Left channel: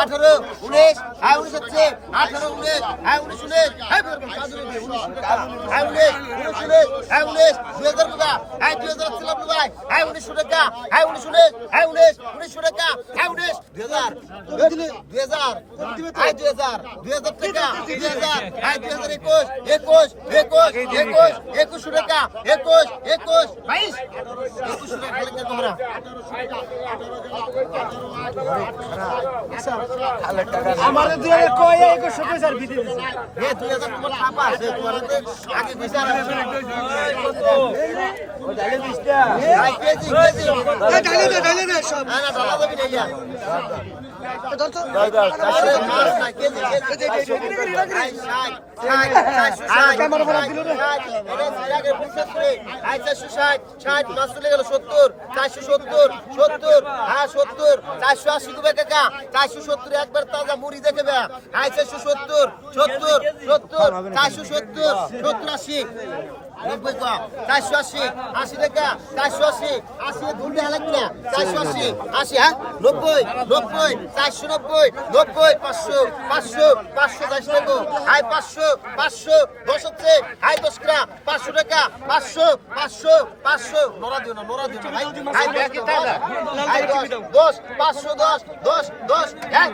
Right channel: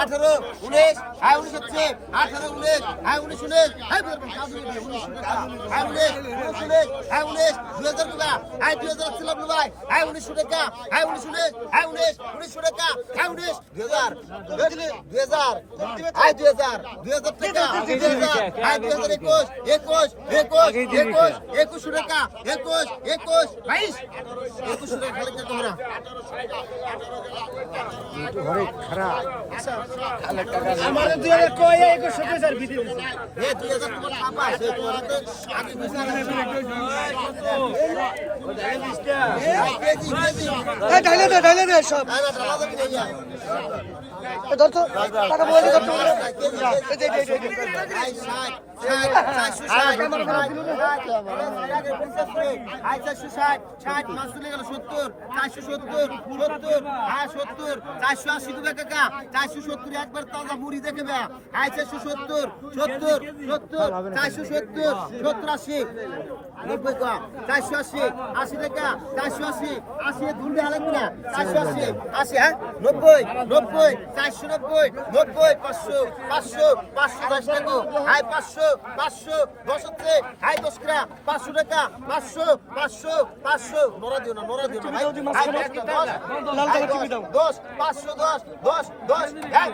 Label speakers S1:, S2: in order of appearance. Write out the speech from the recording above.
S1: আঠারো, উনিশ হ্যাঁ উনিশ হচ্ছে, আঠারো, উনিশ হ্যাঁ উনিশ উনিশ হ্যাঁ উনিশ উনিশ উনিশ উনিশ হ্যাঁ উনিশ দুই হাজার টাকা হ্যাঁ দুই হাজার ছিলাম ভাই হ্যাঁ উনিশশো টাকা হ্যাঁ উনিশ উনিশ হ্যাঁ উনিশ উনিশশো টাকা হ্যাঁ উনিশ, দুই হাজার দুই হাজার হ্যাঁ দুই হাজার দুই হাজার টাকা, দুই হাজার হ্যাঁ দুই হাজার একুশ একুশ একুশ একুশ একুশশো টাকা, একুশ একুশ, বাইশ একুশশো টাকা, খালি তোমরা
S2: আমার কয় ভিতরে
S1: এ দুই হাজার তোমার টাকা আছে তোমার আগে বিচার আছে ভাই, কেজি কেজি
S2: ঢালে দে ঢালে দে সব
S1: হ্যাঁ ঢালা যাবি না ইয়া চারশো সত্তর সত্তর হ্যাঁ সত্তর চারশো আশি দেবে কাকা চারশো সত্তর একবার তাজা মুড়ি দেখে বে আই চারশো সত্তর সত্তর সত্তর চারশো সত্তর সত্তর আশি নব্বই কা চারশো আশি আশি টাকা। চারশো আশি আশি ধুলতে লাগবে না। চারশো আশি আশি হ্যাঁ? নব্বই নব্বই চারশো নব্বই নব্বই পাঁচশো পাঁচশো পাঁচশো দশ টাকা। হাই পাঁচশো পাঁচশো দশ হচ্ছে। হাই দশ টাকা পাঁচশো টাকা পাঁচশো পাঁচশো পাঁচশো। নড়া দিও না নড়া দিও না হাই দশ, দশ পাঁচশো দশ দশ দশ এক।